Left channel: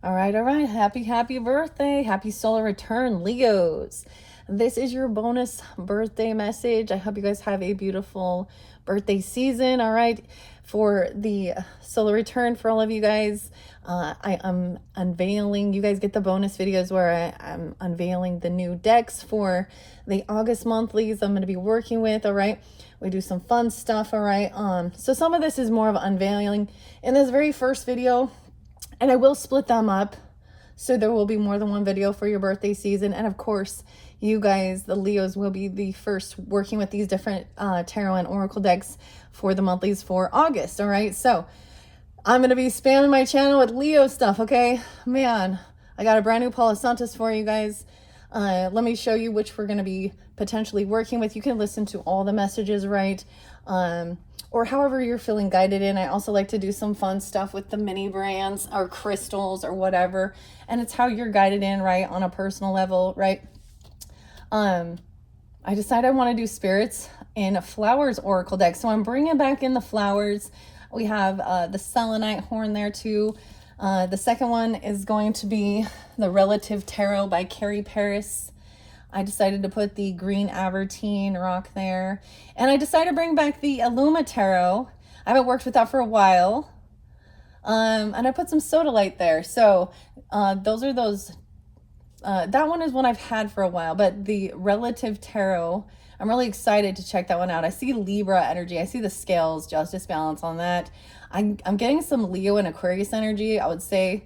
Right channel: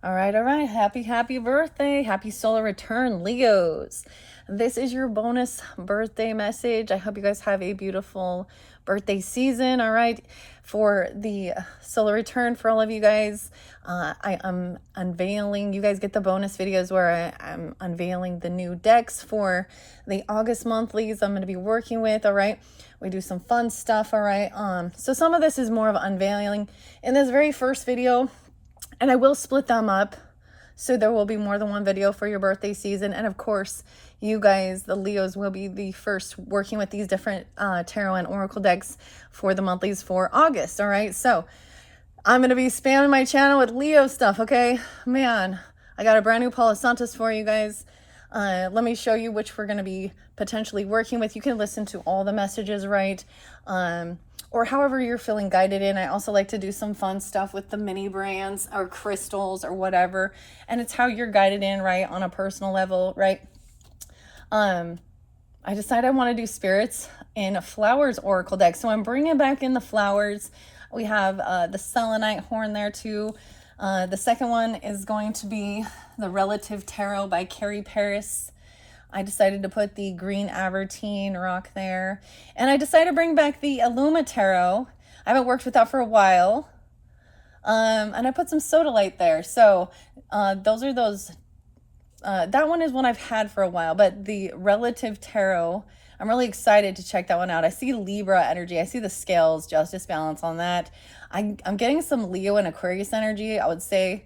All right, all right. Happy birthday. Happy solar return, Leos. This is your bonus birthday message. I hope you guys have a beautiful birthday season. All right. For the solar return, for all of you guys, I am unveiling. You guys get the bonus videos where I'm unveiling the new decks for the August monthlies I'm going to be working with. All right. We do some fun stuff. All right. So some of this is more of unveiling. In this very first video, and I will split them up, so there will be more than one video for your birthday season. And of course, you guys, the Leos, will be the first working with these different tarot and oracle decks for the monthlies for August. All right, so I'm going to be spamming my channel with Leo stuff, okay? Man, I got a brand new Palo Santos for you guys. Let me show you which we're going to be potentially working with. You can listen to all the messages, right? Or however you're feeling guided in. I also like to do some fun stuff with the mini brands or crystals or whatever. And it's how you're guided in, right? On a personal level, right? I decided I want to do spirits in flowers oracle deck. So I'm bringing back in the flowers. We have the selenite horn there too. The second one is going to be the Relative Tarot by Carrie Paris. I decided to put the green Abertine rock there. And I decided to bring back the Illuma Tarot. I haven't worked with that for a while. And I put some sodalite there. So those are those. That one is one I've had for a while. But the Relative Tarot, I'm really excited to check that one out. I see Libra energy. I see the scales, justice, balance on that. I'm getting some Leo and Aquarius energy, I would say.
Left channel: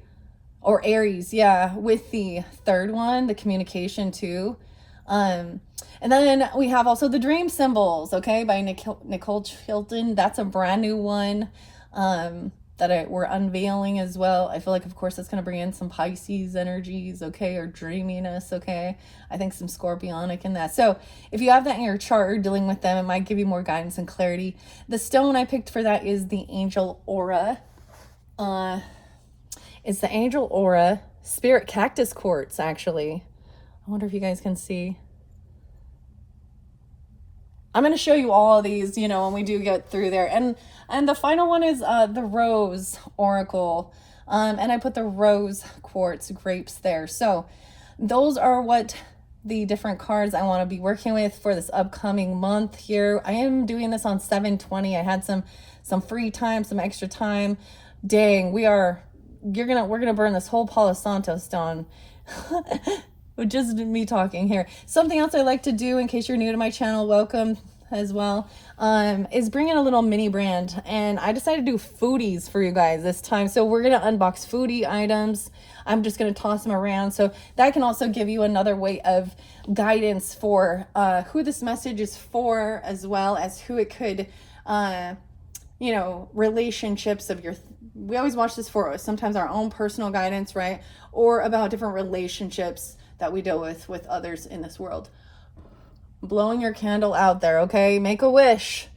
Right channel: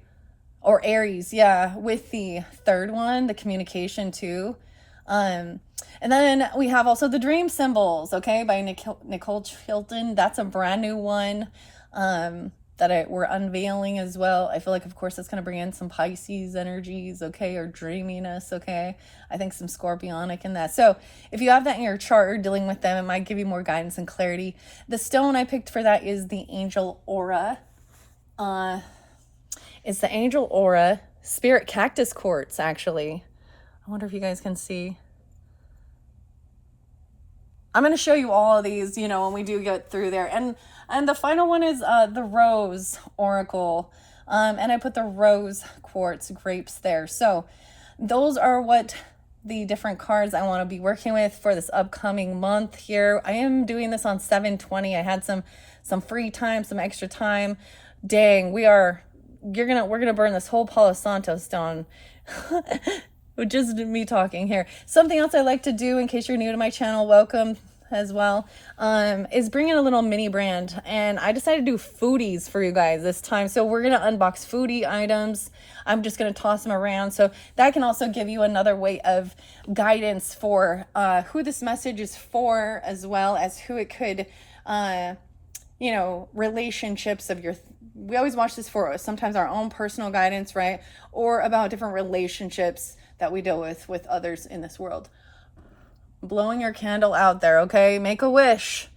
Or Aries, yeah, with the third one, the communication too. And then we have also the Dream Symbols, okay, by Nicole Chilton. That's a brand new one that we're unveiling as well. I feel like, of course, that's going to bring in some Pisces energies, okay, or dreaminess, okay. I think some Scorpionic in that. So if you have that in your chart or dealing with them, it might give you more guidance and clarity. The stone I picked for that is the Angel Aura. It's the Angel Aura Spirit Cactus Quartz, actually. I wonder if you guys can see. I'm going to show you all of these, you know, when we do get through there. And the final one is the Rose Oracle. And I put the Rose Quartz grapes there. So those are what the different cards I want to be working with for this upcoming month here. I am doing this on 7/20. I had some free time, some extra time. Dang, we're gonna burn this whole Palo Santos down. Just me talking here. Something else I like to do, in case you're new to my channel, welcome as well, is bring in a little mini brand. And I decided to do foodies for you guys this time. So we're going to unbox foodie items. I'm just going to toss them around. So that can also give you another way of guidance for who this message is for, as well as who it could, you know, relationships of your, we always watch this for sometimes our own personal guidance, right? Or about different relationships that we deal with others in this world. Blowing your candle out there, okay? Make a wish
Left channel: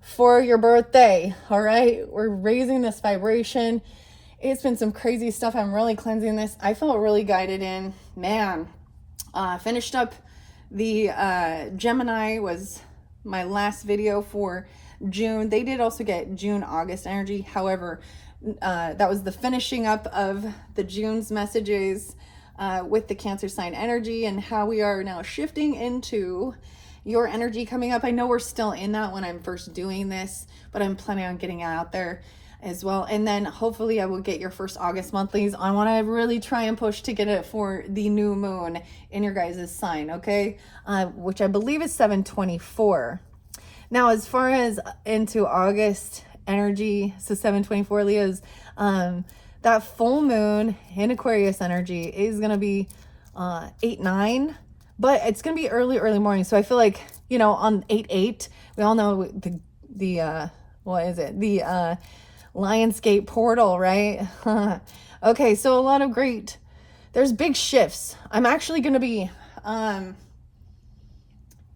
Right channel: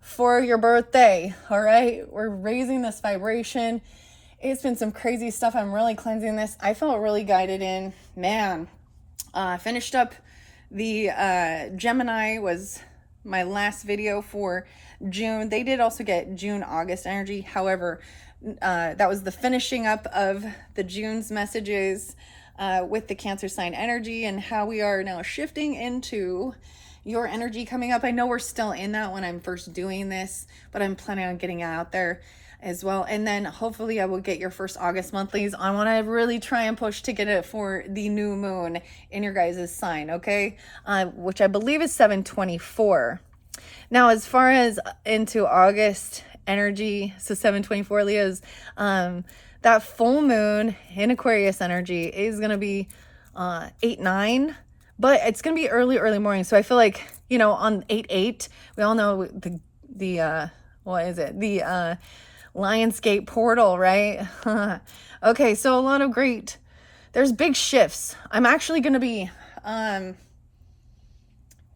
for your birthday, all right? We're raising this vibration. It's been some crazy stuff. I'm really cleansing this. I felt really guided in. Man, finished up the Gemini was my last video for June. They did also get June, August energy. However, that was the finishing up of the June's messages with the Cancer sign energy and how we are now shifting into your energy coming up. I know we're still in that when I'm first doing this, but I'm planning on getting out there as well. And then hopefully I will get your first August monthlies. I want to really try and push to get it for the new moon in your guys' sign, okay? Which I believe is 7/24. Now, as far as into August energy, so 7/24 Leos, that full moon in Aquarius energy is going to be 8/9, but it's going to be early morning. So I feel like, you know, on 8/8, we all know the what is it? The Lionsgate portal, right? Okay, so a lot of there's big shifts. I'm actually going to be,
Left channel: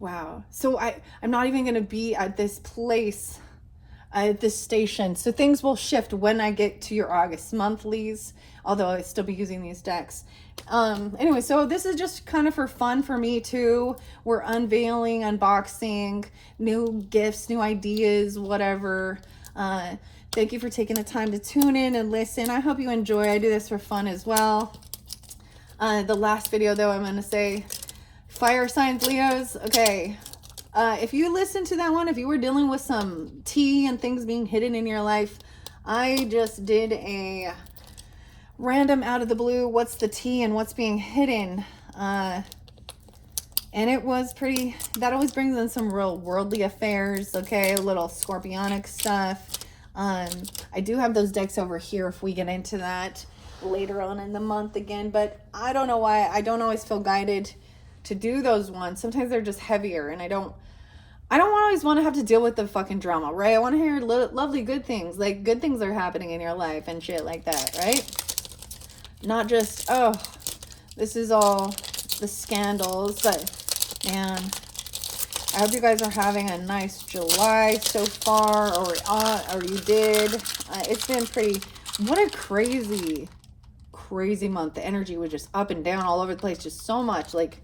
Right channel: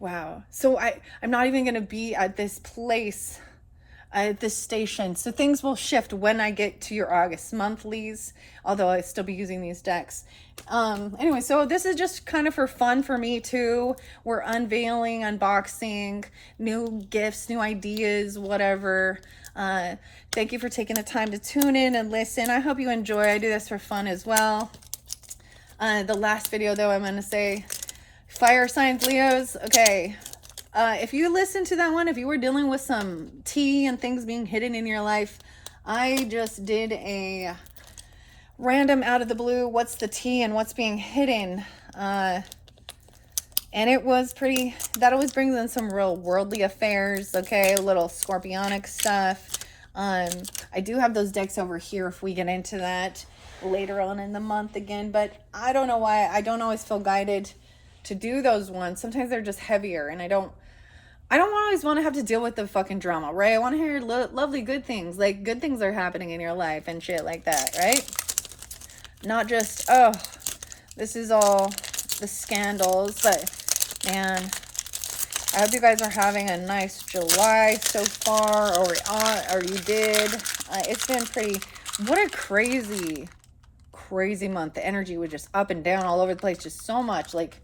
wow. So I'm not even going to be at this place, at this station. So things will shift when I get to your August monthlies, although I still be using these decks. Anyway, so this is just kind of for fun for me too. We're unveiling, unboxing new gifts, new ideas, whatever. Thank you for taking the time to tune in and listen. I hope you enjoy. I do this for fun as well. The last video, though, I'm going to say fire signs, Leos. Okay. If you listen to that one, if you were dealing with some tea and things being hidden in your life, I just did a random out of the blue, what's the tea and what's being hidden. And it was pretty, that always brings in some real worldly affairs, okay? A little scorpionic stuff. I do have those decks over here if we get into that later on in the month again, but I don't know why I don't always feel guided to do those ones. Sometimes they're just heavier, and I don't always want to have to deal with the fucking drama, right? I want to hear lovely good things, like good things are happening in your life and shit like that, right? Not just, oh, this is all the scandals. But man, I hope you guys are having a nice July so far, or you did. It's been pretty, what a crazy month. The energy was just up and down all over the place, just so much, like,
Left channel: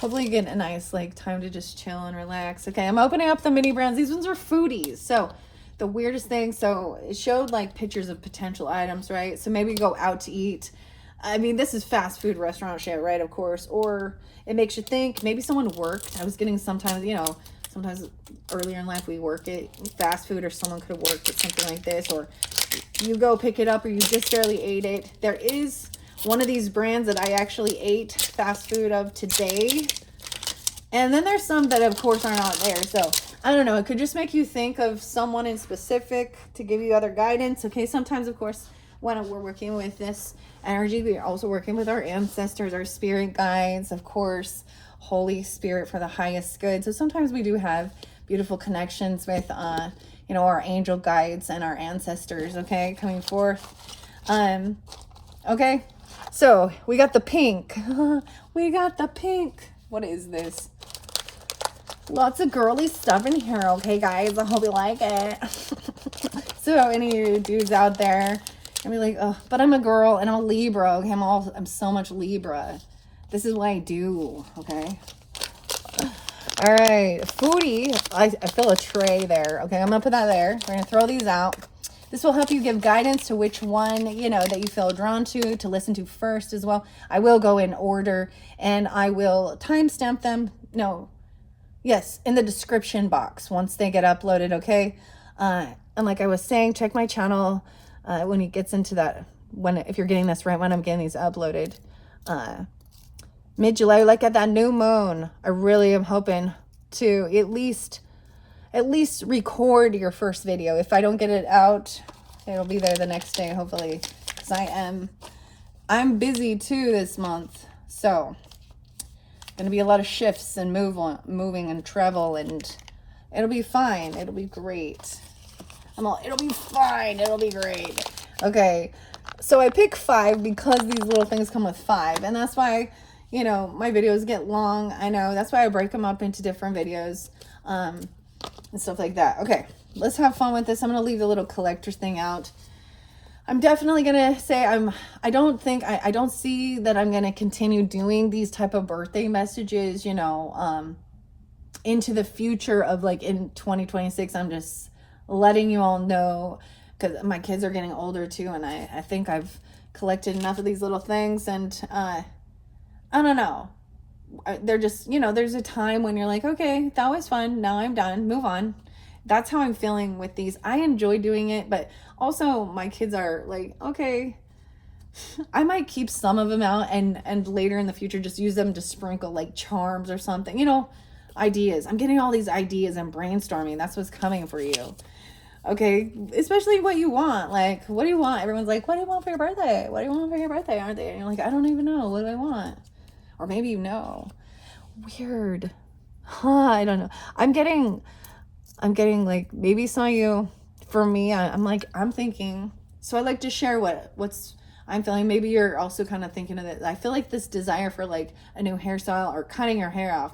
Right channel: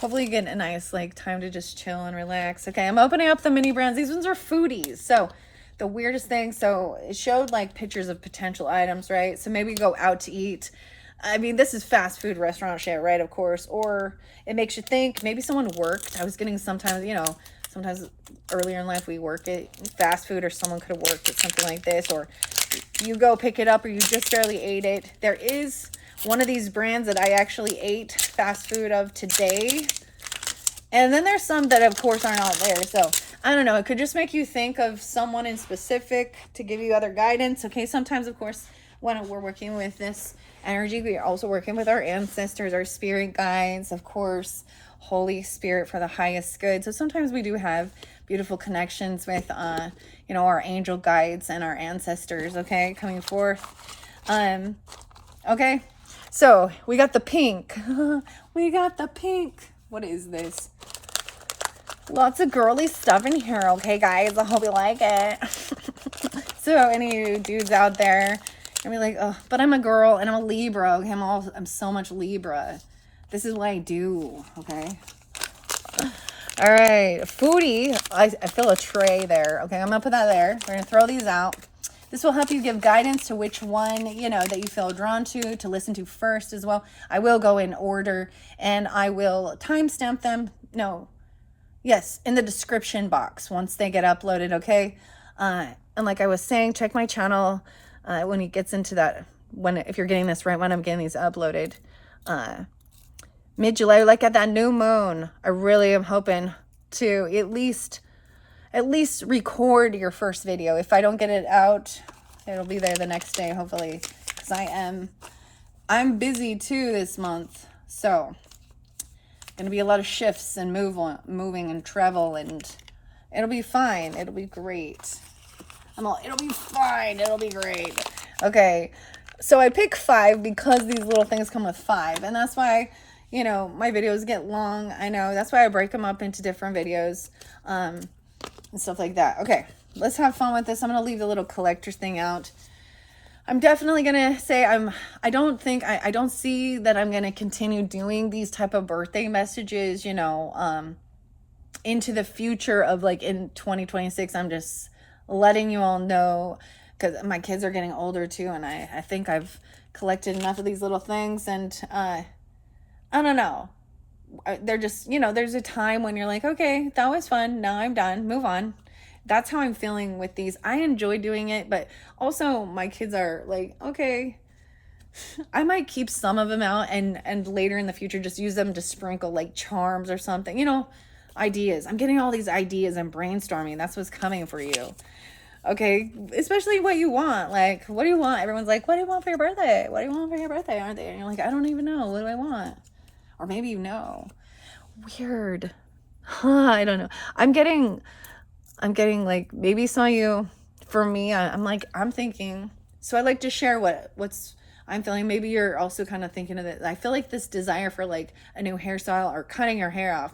hopefully you get a nice like time to just chill and relax. Okay, I'm opening up the mini brands. These ones are foodies. So the weirdest thing, so it showed like pictures of potential items, right? So maybe go out to eat. I mean, this is fast food restaurant shit, right? Of course. Or it makes you think maybe someone worked. I was getting sometimes, you know, sometimes earlier in life we work at fast food, or someone could have worked at something like this, or you go pick it up, or you just barely ate it. There is one of these brands that I actually ate fast food of today. And then there's some that, of course, are not there. So, I don't know. It could just make you think of someone in specific to give you other guidance. Okay, sometimes, of course, when we're working with this energy, we are also working with our ancestors, our spirit guides, of course, Holy Spirit for the highest good. So sometimes we do have beautiful connections with, you know, our angel guides and our ancestors, okay, coming forth. Okay. So we got the pink. We got the pink. What is this? Lots of girly stuff in here, okay, guys? I hope you like it. So any of you dudes out there, I mean, like, oh, but I'm a girl and I'm a Libra. Okay, I'm so much Libra. This is what I do, okay? All right, Foodie. I fill a tray there. Okay, I'm gonna put that there. We're gonna throw these out. This will help you give guidance to which one, you know, that you feel drawn to listen to first as well. I will go in order, and I will timestamp them. No, yes, in the description box once they get uploaded, okay? And like I was saying, check my channel when it gets into that, if you're getting this right when I'm getting these uploaded. Mid-July, like at that new moon, I really am hoping to at least record your first video. If I don't get it out, it'll be there the next day, hopefully, because I'm busy too this month. So gonna be a lot of shifts and moving and travel, and it'll be fine. It'll be great. It'll be fine. It'll be great. Okay, so I pick 5 because these little things come with 5, and that's why, you know, my videos get long. I know, that's why I break them up into different videos. And stuff like that. Okay, let's have fun with this. I'm gonna leave the little collector's thing out. I'm definitely gonna say I don't see that I'm gonna continue doing these type of birthday messages, you know, into the future of like in 2026. I'm just letting you all know, because my kids are getting older too, and I think I've collected enough of these little things, and I don't know. They're just, you know, there's a time when you're like, okay, that was fun, now I'm done, move on. That's how I'm feeling with these. I enjoy doing it, but also my kids are like, okay, I might keep some of them out and later in the future just use them to sprinkle like charms or something, you know, ideas. I'm getting all these ideas and brainstorming. That's what's coming for you. Okay, especially what you want. Like, what do you want? Everyone's like, what do you want for your birthday? What do you want for your birthday? Aren't they? And you're like, I don't even know. What do I want? Or maybe you know. Weird. I don't know. I'm getting like, maybe some of you, for me, I'm thinking, so I like to share what's I'm feeling. Maybe you're also kind of thinking of it. I feel like this desire for like a new hairstyle or cutting your hair off.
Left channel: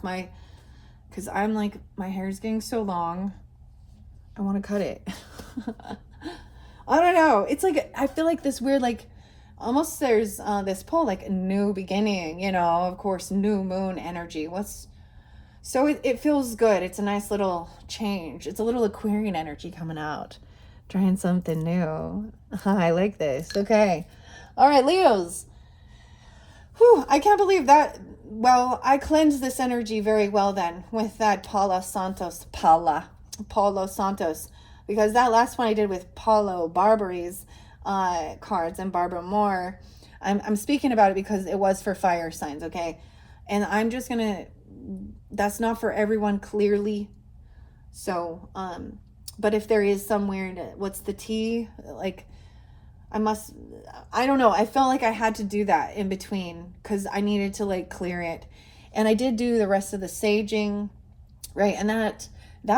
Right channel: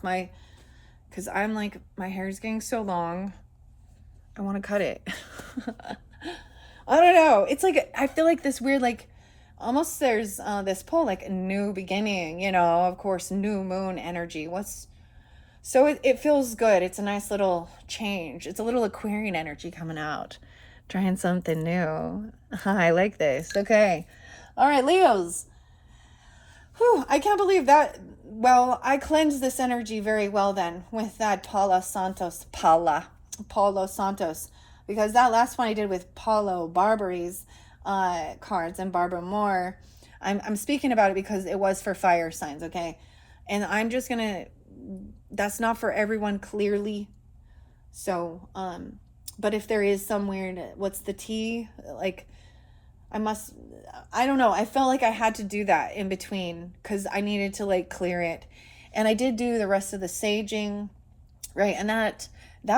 Because I'm like, my hair is getting so long. I want to cut it. I don't know. It's like, I feel like this weird, like, almost there's this pull, like a new beginning, you know, of course, new moon energy. So it feels good. It's a nice little change. It's a little Aquarian energy coming out. Trying something new. I like this. Okay. All right, Leos. Whew, I can't believe that. Well, I cleansed this energy very well then with that Palo Santos. Because that last one I did with Paulo Barbari's cards and Barbara Moore, I'm speaking about it because it was for fire signs, okay? And I'm just gonna, that's not for everyone clearly. So, but if there is some weird, what's the T? Like, I don't know. I felt like I had to do that in between because I needed to like clear it. And I did do the rest of the saging, right? And that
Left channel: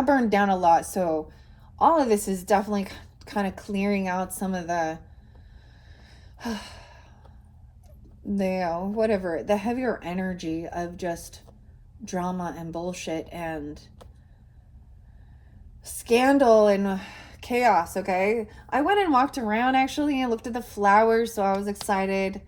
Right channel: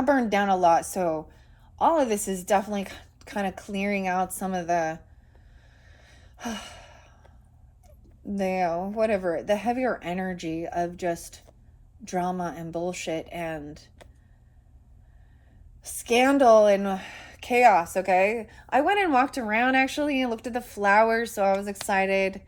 burned down a lot. So all of this is definitely kind of clearing out some of the whatever, the heavier energy of just drama and bullshit and scandal and chaos. Okay, I went and walked around actually and looked at the flowers, so I was excited.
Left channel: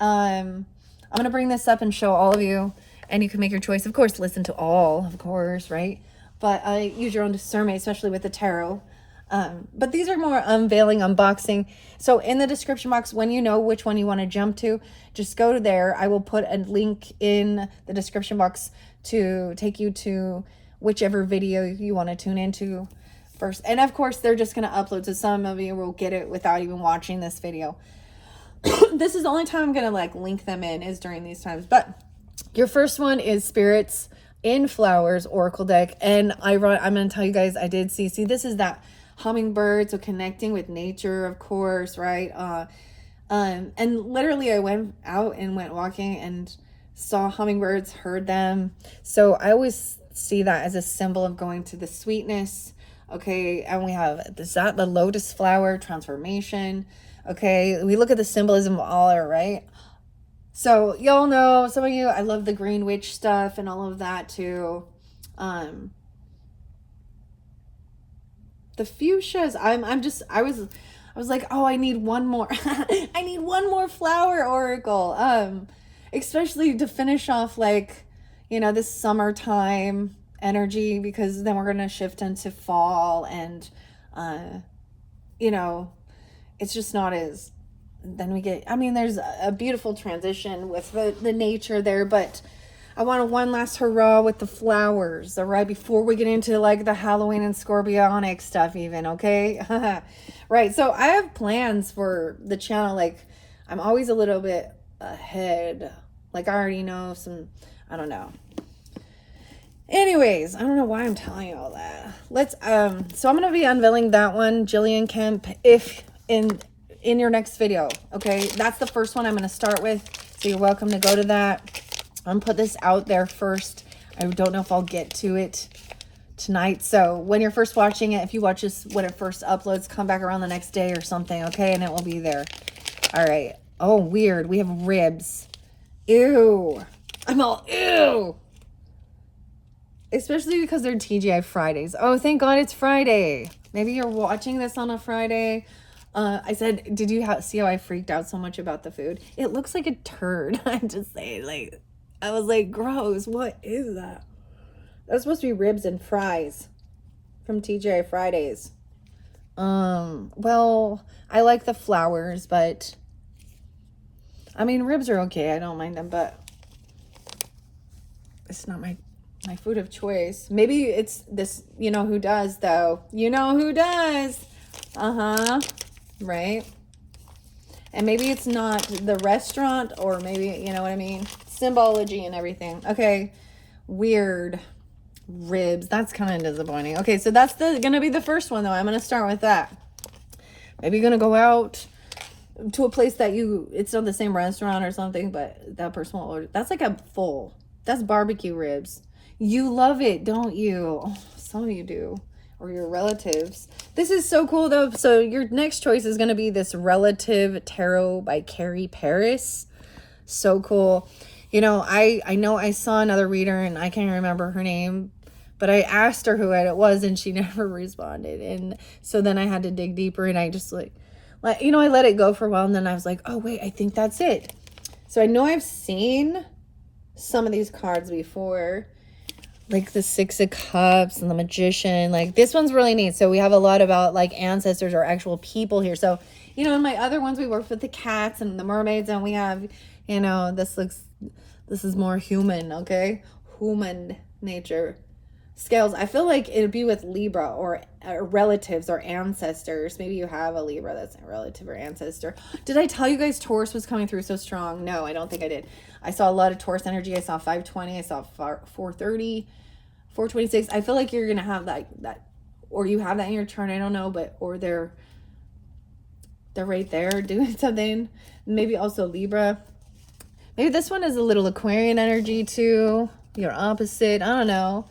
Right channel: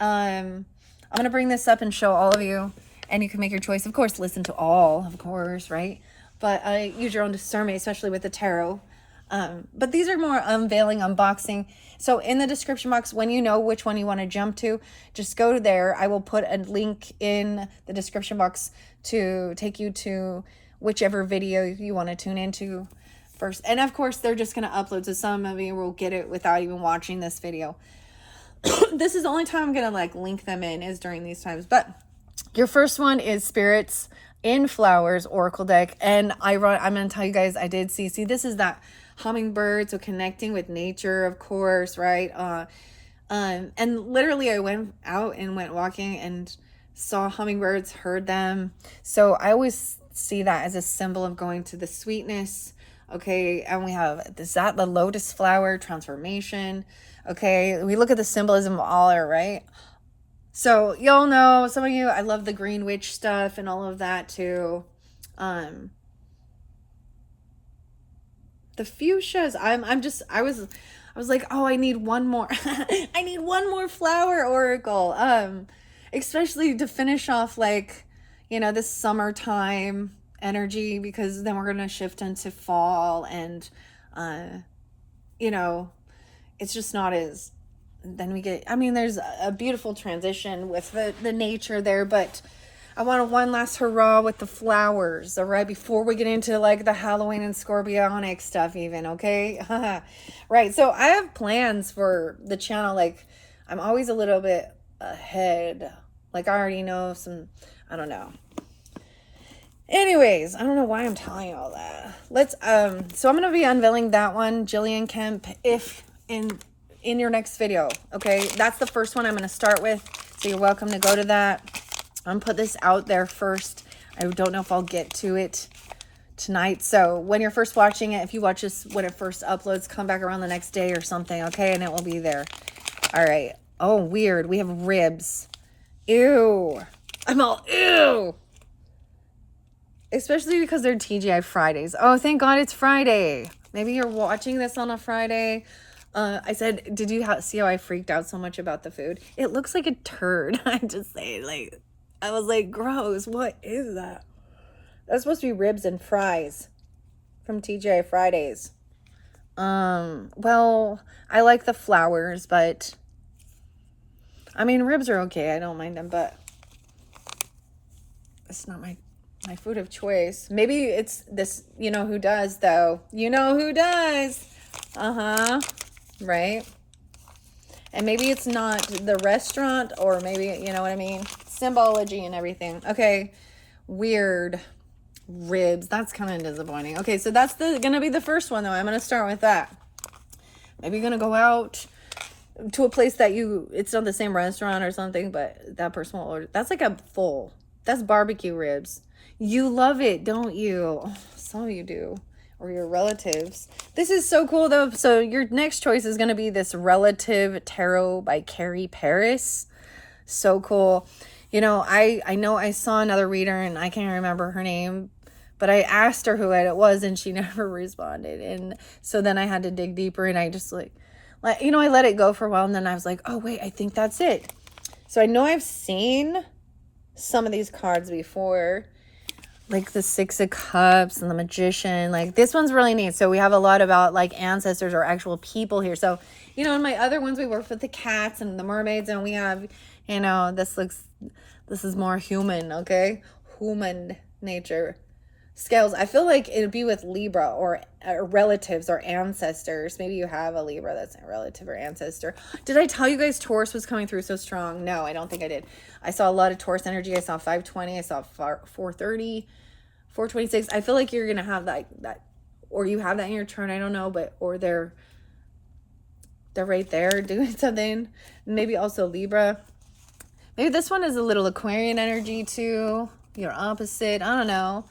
I'm gonna bring this up and show all of you, and you can make your choice. Of course, listen to all, of course, right? But use your own discernment, especially with the tarot. But these are more unveiling, unboxing. So in the description box, when you know which one you want to jump to, just go there. I will put a link in the description box to take you to whichever video you want to tune into first. And of course, they're just going to upload, so some of you will get it without even watching this video. This is the only time I'm going to like link them in is during these times. But your first one is Spirits in Flowers Oracle deck. And I'm going to tell you guys, I did see this is that hummingbird, so connecting with nature, of course, right? And literally I went out and went walking and saw hummingbirds, heard them. So I always see that as a symbol of going to the sweetness. Okay, and we have, is that the lotus flower, transformation? Okay, we look at the symbolism of all it, right? So y'all know, some of you, I love the green witch stuff and all of that too. The fuchsias, I was like, oh, I need one more. I need one more flower oracle. Especially to finish off like, this summertime energy, because then we're gonna shift into fall and it's just not as, then we get, there's a beautiful transition with the nature there, but I want one last hurrah with the flowers, all right, before we get into like the Halloween and Scorpionic stuff even, okay? Right, so I have plans for the channel. Like, I'm always a little bit ahead. Like, I already know some, I don't know. Anyways, I don't know why I'm telling you all that. Let's, so I'm going to be unveiling that one, Jillian Kemp, if in your next video, okay? That's the first one I'm going to start with, so you're welcome to go to that. I'm going to put this out there first. I don't know if I'll get to it tonight. So when you're first watching it, if you watch this when it first uploads, come back around the next day or something, okay? And it will be there. All right. Oh, weird. We have ribs. Ew. I'm all, ew. Especially because they're TGI Fridays. Oh, thank God it's Friday. Maybe you're watching this on a Friday. I said, did you see how I freaked out so much about the food? It looks like a turd. I just say, like, I was like, gross. What is that? That's supposed to be ribs and fries from TGI Fridays. Well, I like the flowers, but ribs are okay. I don't mind them, but it's not my food of choice. Maybe it's this, you know who does though. You know who does. Right? And maybe it's not the restaurant, or maybe, you know what I mean? Symbology and everything. Okay. Weird. Ribs. That's kind of disappointing. Okay, so that's gonna be the first one though. I'm gonna start with that. Maybe you're gonna go out to a place that it's not the same restaurant or something, but that person will order. That's like that's barbecue ribs. You love it, don't you? Oh, some of you do. Or your relatives. This is so cool though. So your next choice is going to be this Relative Tarot by Carrie Paris. So cool. I know I saw another reader and I can't remember her name, but I asked her who it was and she never responded. And so then I had to dig deeper, and I just I let it go for a while, and then I was like, oh wait, I think that's it. So I know I've seen some of these cards before. like the Six of Cups and the Magician. Like this one's really neat. So we have a lot about like ancestors or actual people here. So, you know, in my other ones, we worked with the cats and the mermaids, and we have, you know, this is more human, okay? Human nature. Scales. I feel like it'd be with Libra or relatives or ancestors. Maybe you have a Libra that's a relative or ancestor. Did I tell you guys Taurus was coming through so strong? No, I don't think I did. I saw a lot of Taurus energy. I saw 520. I saw 430, 426. I feel like you're gonna have that, or you have that in your chart. I don't know, but or they're right there doing something. Maybe also Libra. Maybe this one is a little Aquarian energy too. Your opposite. I don't know.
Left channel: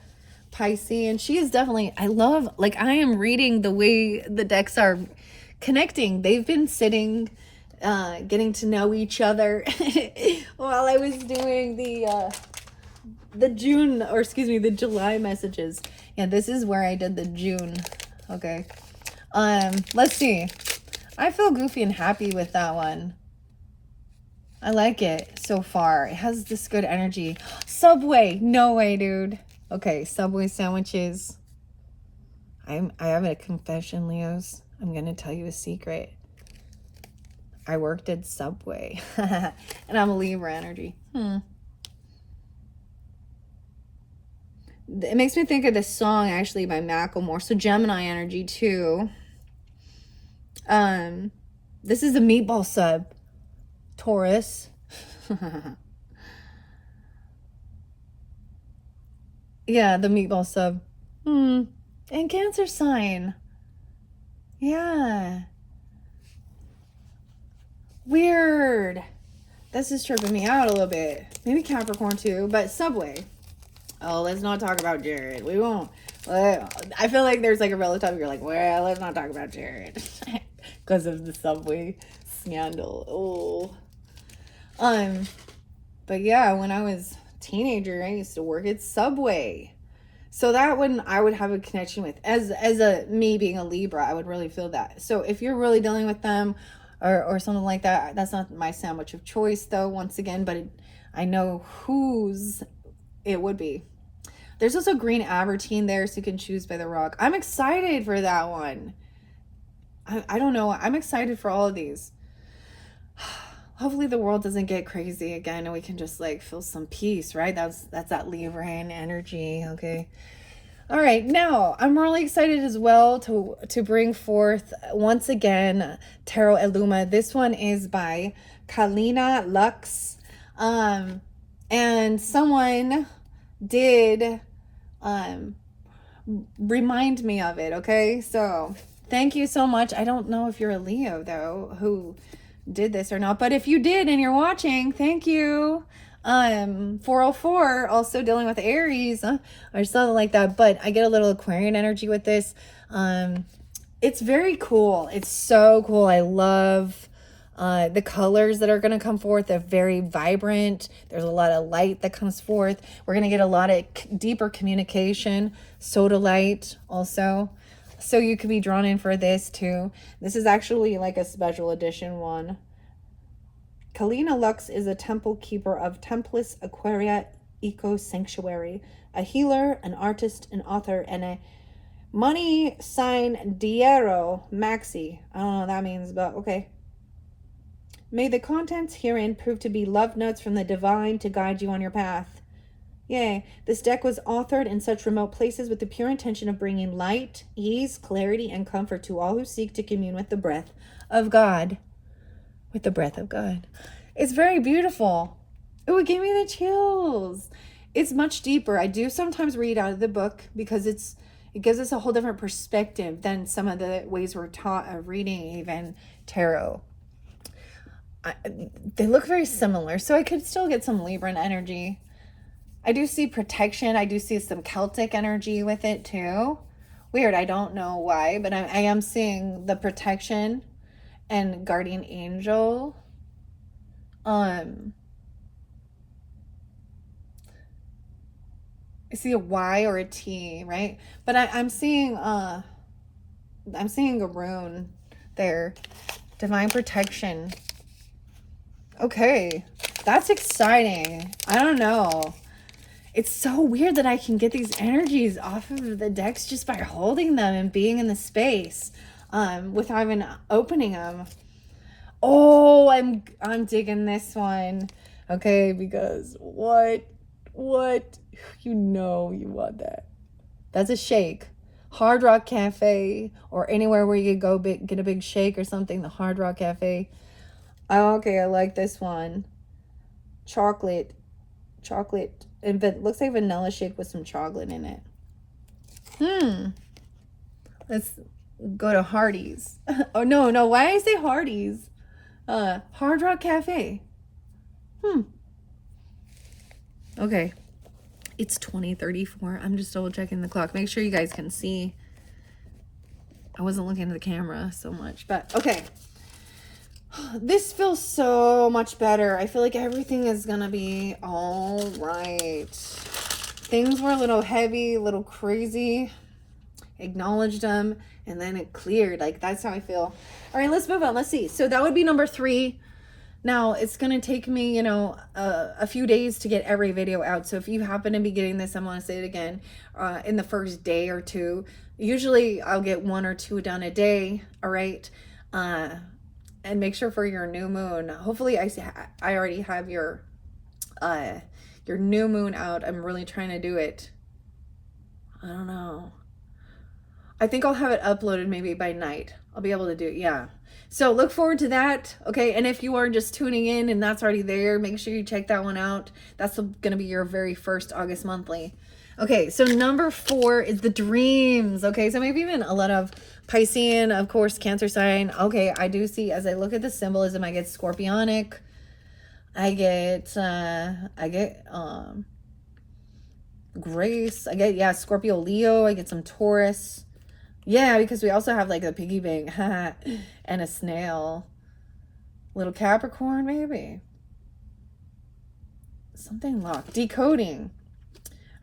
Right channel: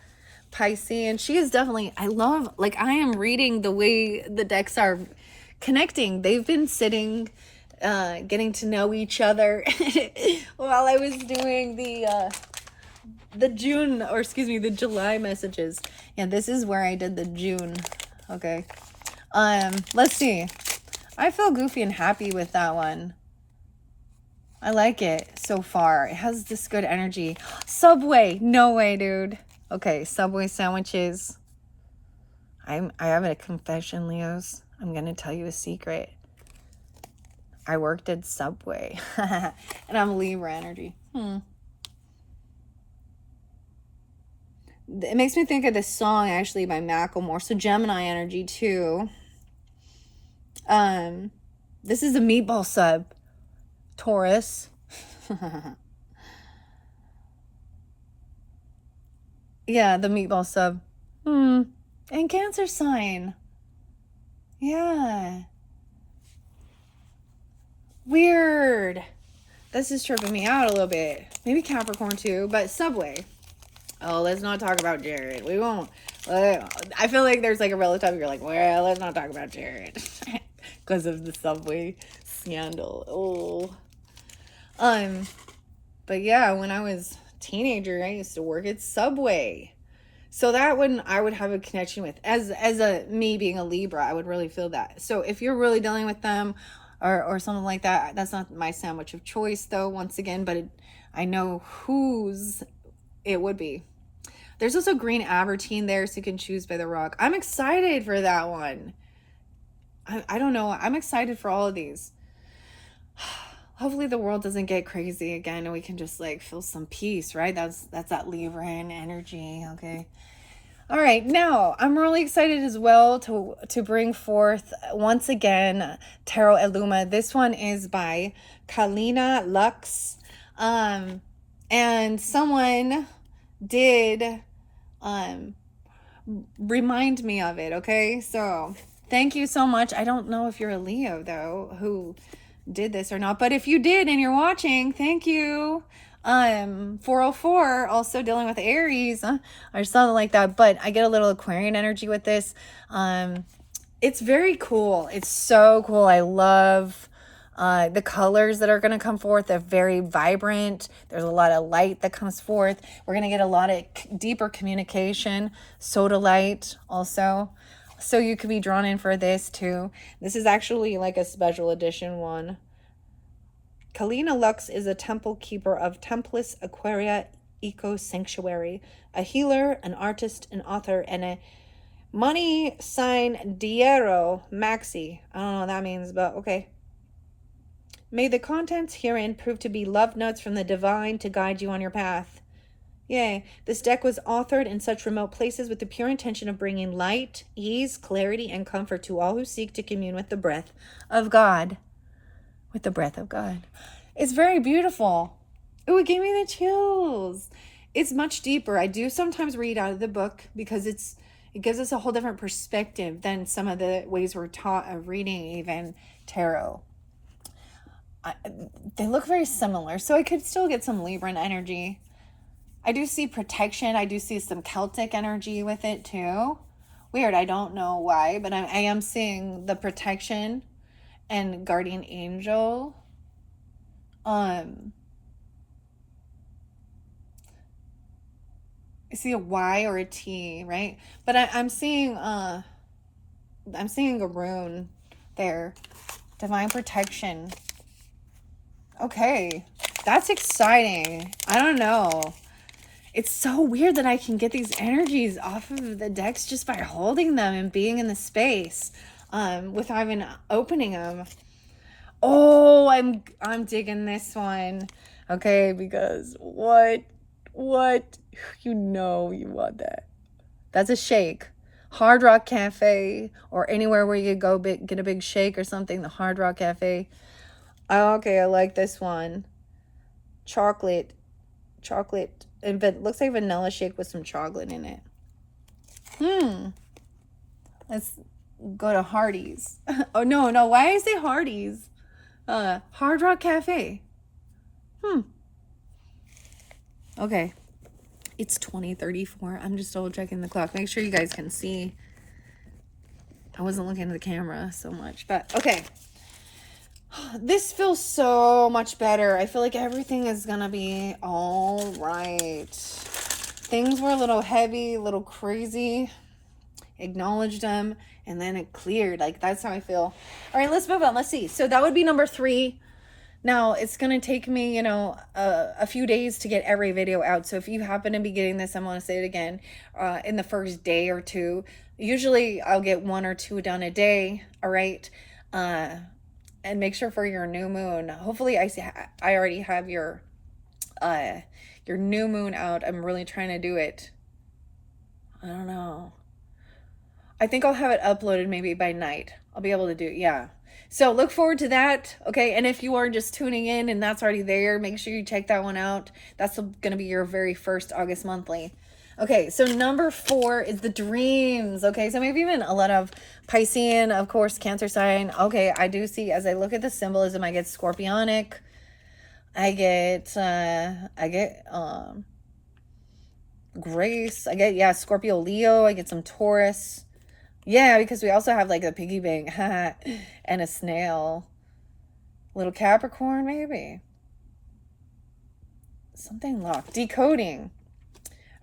Pisces, and she is definitely, I love, like I am reading the way the decks are connecting. They've been sitting, getting to know each other while I was doing the June, or excuse me, the July messages. Yeah, this is where I did the June. Okay. Let's see. I feel goofy and happy with that one. I like it so far. It has this good energy. Subway. No way, dude. Okay, Subway sandwiches. I have a confession, Leos. I'm going to tell you a secret. I worked at Subway. And I'm a Libra energy. It makes me think of this song, actually, by Macklemore. So Gemini energy, too. This is a meatball sub. Taurus. Yeah, the meatball sub. And Cancer sign. Yeah. Weird. This is tripping me out a little bit. Maybe Capricorn too, but Subway. Oh, let's not talk about Jared. We won't. I feel like there's like a relative you're like, well, let's not talk about Jared. Because of the Subway scandal. Oh. But yeah, when I was teenager, I used to work at Subway. So that one I would have a connection with. As a me being a Libra, I would really feel that. So if you're really dealing with them or something like that, that's not my sandwich of choice though, once again, but I know whose it would be. There's also green Abertine there, so you can choose by the rock. I'm excited for that one. I don't know. I'm excited for all of these. Hopefully the world doesn't get crazy again and we can just like feel some peace, right? That's that Libran energy, okay? All right, now I'm really excited as well to bring forth once again Tarot Illuma. This one is by Kalina Lux. And someone did remind me of it, okay? So thank you so much. I don't know if you're a Leo though who did this or not, but if you did and you're watching, thank you. 404 also dealing with Aries or something like that, but I get a little Aquarian energy with this. It's very cool. It's so cool. I love the colors that are going to come forth. They're very vibrant. There's a lot of light that comes forth. We're going to get a lot of deeper communication. Soda light also. So you could be drawn in for this too. This is actually like a special edition one. Kalina Lux is a temple keeper of Templis Aquaria Eco Sanctuary, a healer, an artist, an author, and a money sign Diero Maxi. I don't know what that means, but okay. May the contents herein prove to be love notes from the divine to guide you on your path. Yay. This deck was authored in such remote places with the pure intention of bringing light, ease, clarity, and comfort to all who seek to commune with the breath of God. With the breath of God. It's very beautiful. Oh, it gave me the chills. It's much deeper. I do sometimes read out of the book because it gives us a whole different perspective than some of the ways we're taught of reading even tarot. They look very similar, so I could still get some Libran energy. I do see protection. I do see some Celtic energy with it too. Weird. I don't know why, but I am seeing the protection and guardian angel. I see a Y or a T, right? But I'm seeing a rune there. Divine protection. Okay. That's exciting. I don't know. It's so weird that I can get these energies off of the decks just by holding them and being in the space, without even opening them. Oh, I'm digging this one. Okay, because what you know you want that. That's a shake. Hard Rock Cafe, or anywhere where you could go get a big shake or something. The Hard Rock Cafe. Oh, okay, I like this one. Chocolate, and looks like vanilla shake with some chocolate in it. Let's go to Hardee's. Oh no, why did I say Hardee's? Hard Rock Cafe. Okay. It's 20:34. I'm just double checking the clock. Make sure you guys can see. I wasn't looking at the camera so much, but okay. This feels so much better. I feel like everything is gonna be all right. Things were a little heavy, a little crazy. Acknowledged them, and then it cleared. Like, that's how I feel. All right, let's move on. Let's see. So that would be number 3. Now, it's going to take me, a few days to get every video out. So if you happen to be getting this, I'm going to say it again, in the first day or two. Usually, I'll get 1 or 2 done a day, all right? And make sure for your new moon. Hopefully, I already have your new moon out. I'm really trying to do it. I don't know. I think I'll have it uploaded maybe by night. I'll be able to do it, yeah. So look forward to that, okay? And if you are just tuning in and that's already there, make sure you check that one out. That's going to be your very first August monthly. Okay, so number 4 is the dreams, okay? So maybe even a lot of Piscean, of course, Cancer sign. Okay, I do see, as I look at the symbolism, I get Scorpionic. I get Grace. I get, Scorpio, Leo. I get some Taurus. Yeah, because we also have like a piggy bank and a snail. Little Capricorn, maybe. Something locked. Decoding.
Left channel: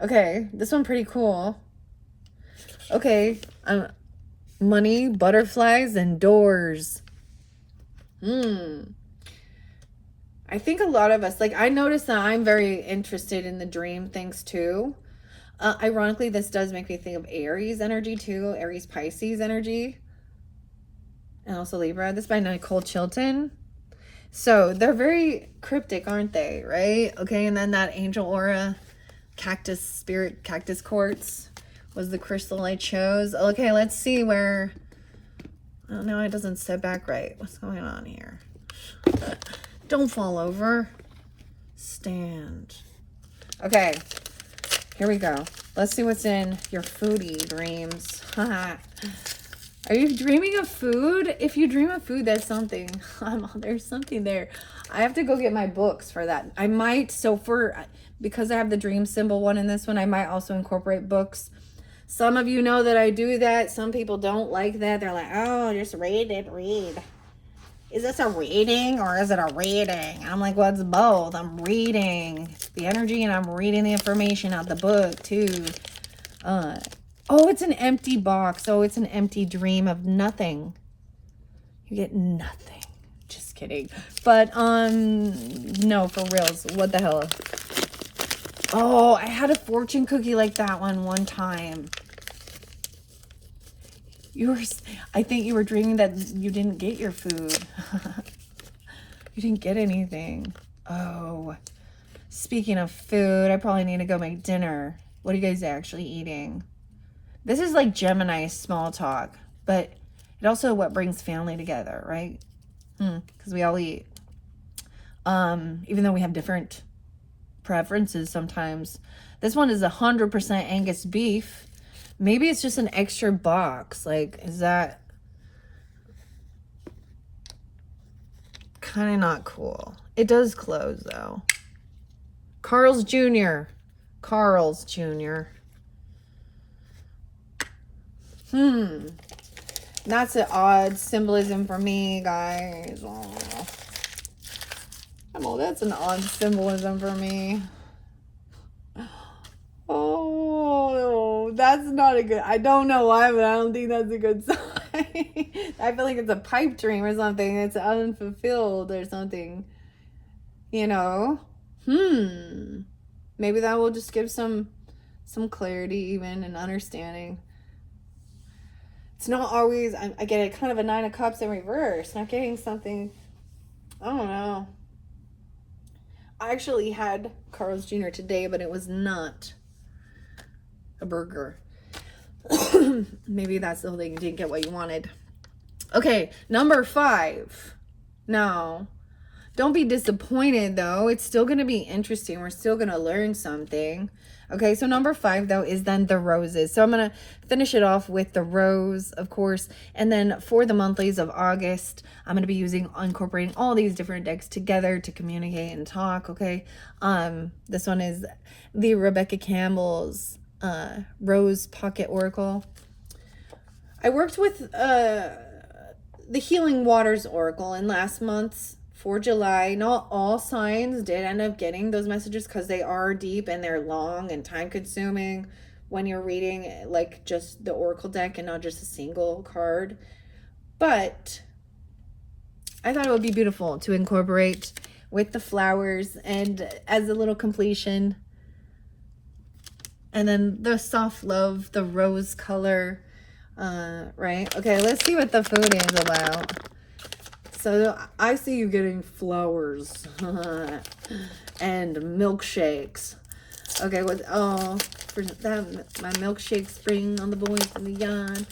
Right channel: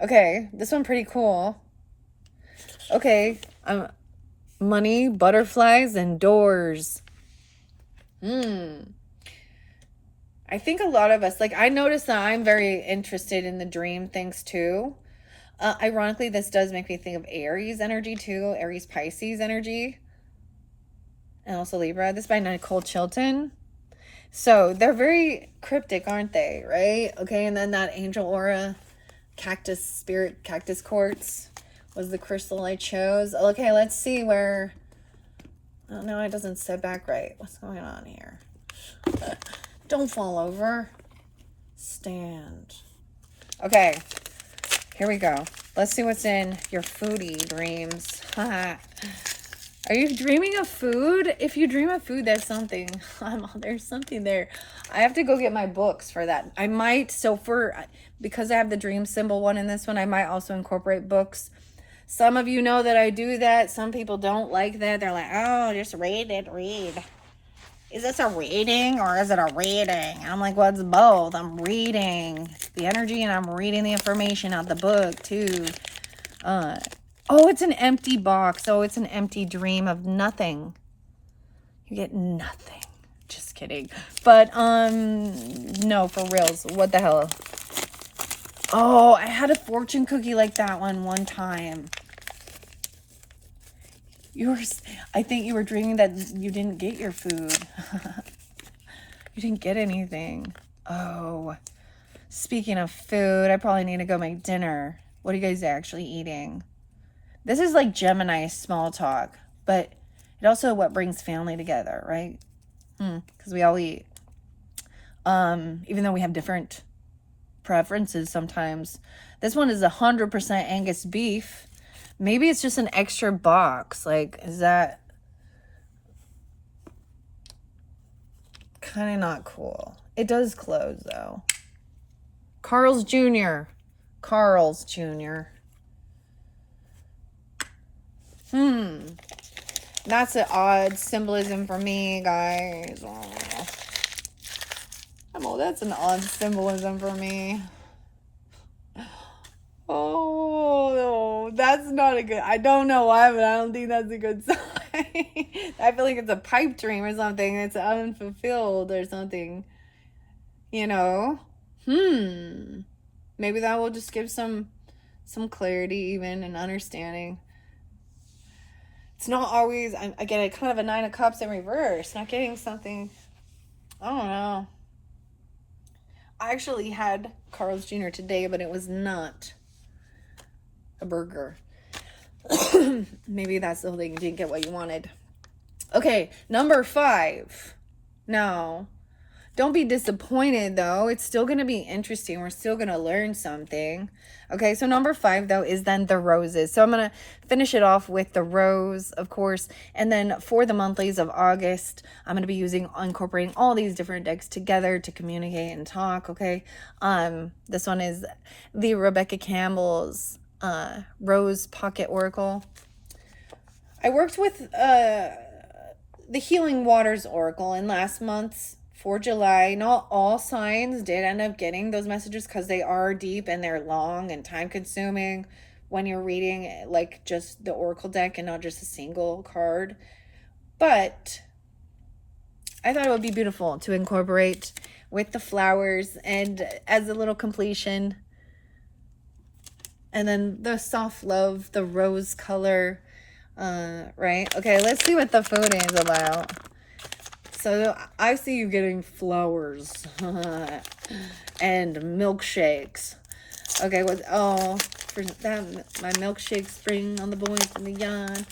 Okay, this one pretty cool. Okay, money, butterflies, and doors. I think a lot of us, like, I noticed that I'm very interested in the dream things too. Ironically, this does make me think of Aries energy too. Aries Pisces energy. And also Libra. This is by Nicole Chilton. So they're very cryptic, aren't they? Right? Okay. And then that angel aura spirit cactus quartz was the crystal I chose. Okay. Let's see where. Oh no, it doesn't set back right. What's going on here? Don't fall over. Stand. Okay. Here we go. Let's see what's in your foodie dreams. Are you dreaming of food? If you dream of food, that's something. There's something there. I have to go get my books for that. I might, because I have the dream symbol one in this one, I might also incorporate books. Some of you know that I do that. Some people don't like that. They're like, oh, just read. Is this a reading or is it a reading? And I'm like, well, it's both. I'm reading the energy and I'm reading the information out the book too. Oh, it's an empty box. Oh, it's an empty dream of nothing. You get nothing. Just kidding. But, no, for reals. What the hell? Oh, I had a fortune cookie like that one time. I think you were dreaming that you didn't get your food. You didn't get anything. Oh, speaking of food, I probably need to go make dinner. What are you guys actually eating? This is like Gemini small talk, but it also what brings family together, right? Because we all eat. Even though we have different preferences sometimes. This one is 100% Angus beef. Maybe it's just an extra box. Like, is that kind of not cool? It does close, though. Carl's Jr. That's an odd symbolism for me, guys. Oh, that's an odd symbolism for me. Oh, that's not a good. I don't know why, but I don't think that's a good sign. I feel like it's a pipe dream or something. It's unfulfilled or something. Maybe maybe that will just give some clarity even and understanding. It's not always, I get a kind of a 9 of Cups in reverse. Not getting something, I don't know. I actually had Carl's Jr. today, but it was not a burger. Maybe that's the thing, you didn't get what you wanted. Okay, number 5. Now, don't be disappointed though. It's still going to be interesting. We're still going to learn something. Okay, so number 5 though is then the roses. So I'm going to finish it off with the rose, of course. And then for the monthlies of August, I'm going to be incorporating all these different decks together to communicate and talk, okay? This one is the Rebecca Campbell's Rose Pocket Oracle. I worked with the Healing Waters Oracle in last month's for July. Not all signs did end up getting those messages because they are deep and they're long and time consuming when you're reading like just the Oracle deck and not just a single card. But I thought it would be beautiful to incorporate with the flowers and as a little completion. And then the soft love, the rose color, right? Okay, let's see what the food is about. So I see you getting flowers and milkshakes. Okay, for that, my milkshake spring on the boys in the yard.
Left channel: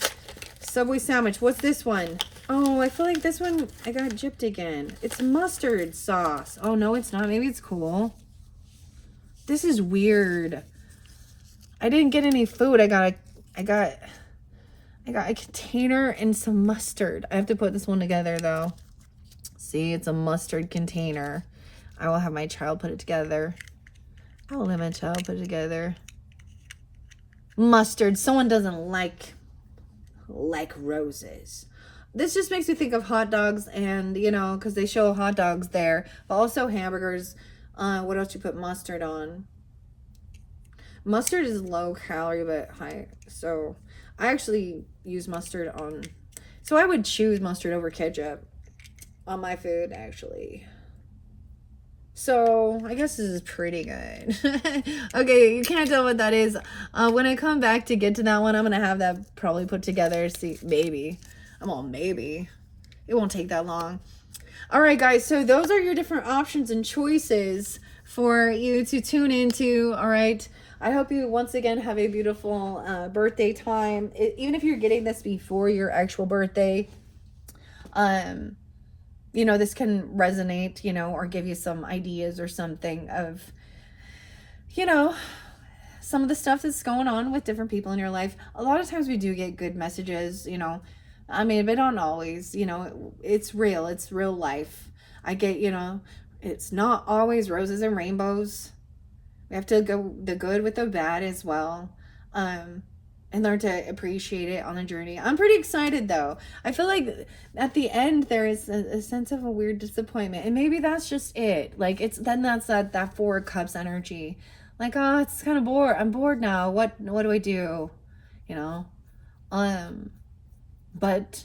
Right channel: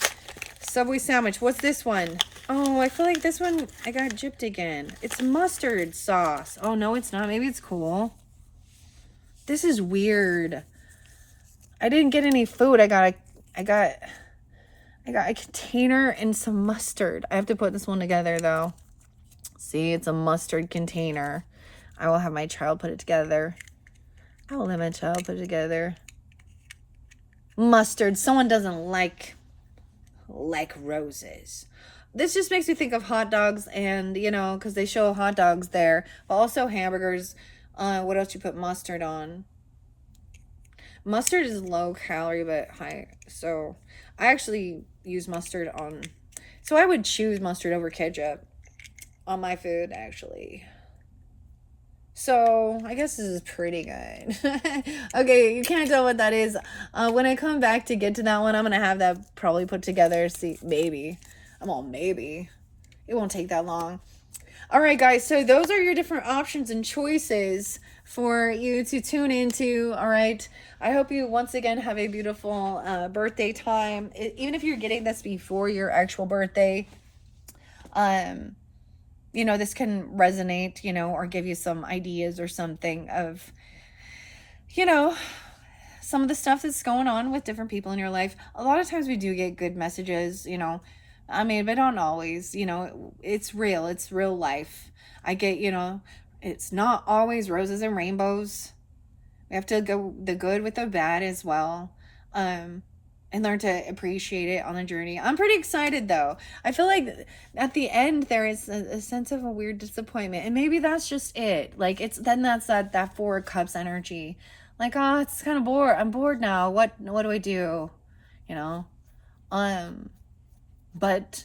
Subway sandwich. What's this one? Oh, I feel like this one I got gypped again. It's mustard sauce. Oh no, it's not. Maybe it's cool. This is weird. I didn't get any food. I got a container and some mustard. I have to put this one together though. See, it's a mustard container. I will have my child put it together. I will let my child put it together. Mustard. Someone doesn't like roses. This just makes me think of hot dogs and, you know, because they show hot dogs there. But also hamburgers. What else you put mustard on? Mustard is low calorie but high. So I actually use mustard on. So I would choose mustard over ketchup on my food, actually. So I guess this is pretty good. Okay, you can't tell what that is. When I come back to get to that one, I'm gonna have that probably put together. See, maybe. Maybe. It won't take that long. All right, guys. So those are your different options and choices for you to tune into. All right. I hope you once again have a beautiful birthday time. Even if you're getting this before your actual birthday, you know, this can resonate, you know, or give you some ideas or something of, you know, some of the stuff that's going on with different people in your life. A lot of times we do get good messages, you know, I mean, but don't always, you know, it's real life. I get, you know, it's not always roses and rainbows. We have to go the good with the bad as well. And learn to appreciate it on the journey. I'm pretty excited though. I feel like at the end there is a sense of a weird disappointment, and maybe that's just it. Like that's that 4 of Cups energy. Like, oh, it's kind of bored. I'm bored now. What do I do? You know, but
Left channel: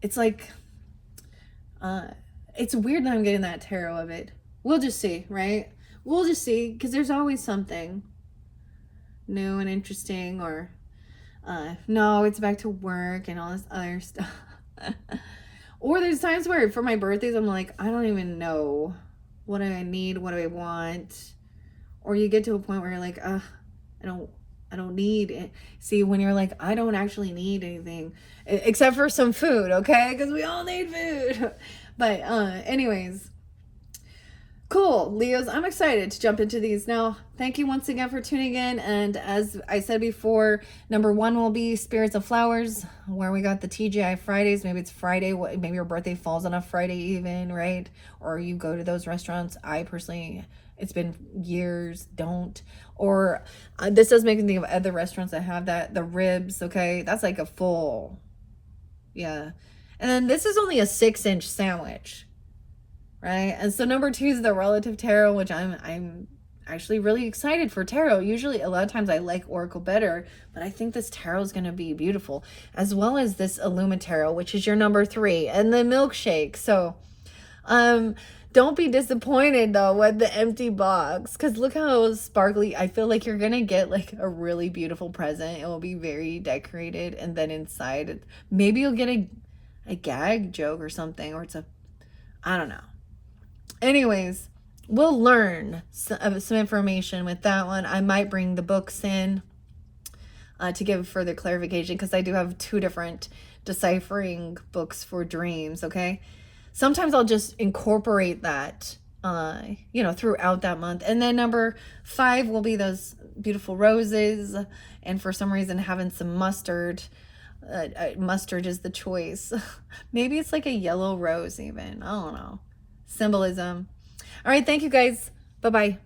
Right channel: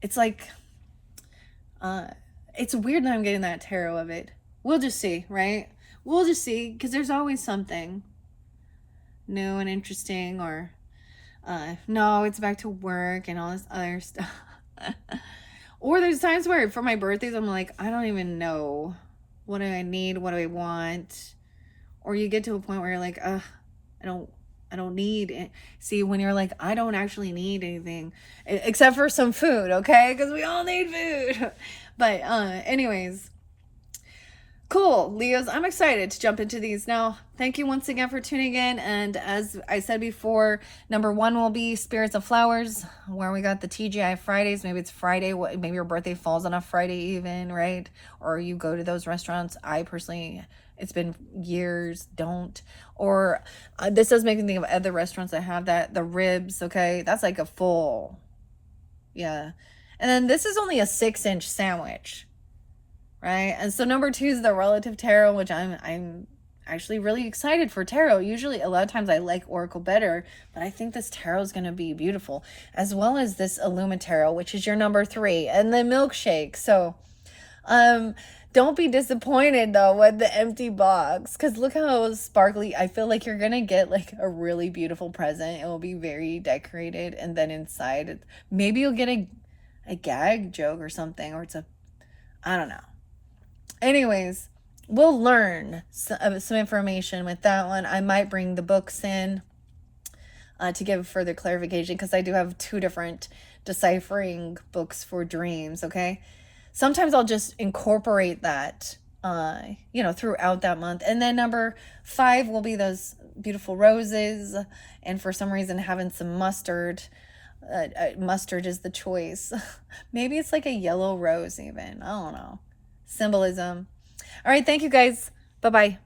it's like, it's weird that I'm getting that tarot of it. We'll just see, right? We'll just see, because there's always something new and interesting, or no, it's back to work and all this other stuff. Or there's times where for my birthdays I'm like, I don't even know what do I need, what do I want. Or you get to a point where you're like, I don't need it. See, when you're like, I don't actually need anything except for some food, okay? Because we all need food. But anyways, cool, Leos, I'm excited to jump into these now. Thank you once again for tuning in. And as I said before, number 1 will be Spirits of Flowers, where we got the TGI Fridays. Maybe it's Friday. Maybe your birthday falls on a Friday even, right? Or you go to those restaurants. I personally, it's been years, don't. Or this does make me think of other restaurants that have that. The ribs, okay? That's like a full, yeah. And then this is only a 6-inch sandwich. Right? And so number 2 is the Relative Tarot, which I'm actually really excited for tarot. Usually a lot of times I like Oracle better, but I think this tarot is going to be beautiful, as well as this Illuma Tarot, which is your number 3, and the milkshake. So Don't be disappointed though with the empty box, because look how sparkly. I feel like you're gonna get like a really beautiful present. It will be very decorated, and then inside, maybe you'll get a gag joke or something, or it's a, I don't know. Anyways, we'll learn some information with that one. I might bring the books in to give further clarification, because I do have 2 different deciphering books for dreams. Okay, sometimes I'll just incorporate that, throughout that month. And then number 5 will be those beautiful roses. And for some reason, having some mustard. Mustard is the choice. Maybe it's like a yellow rose, even. I don't know. Symbolism. All right. Thank you guys. Bye bye.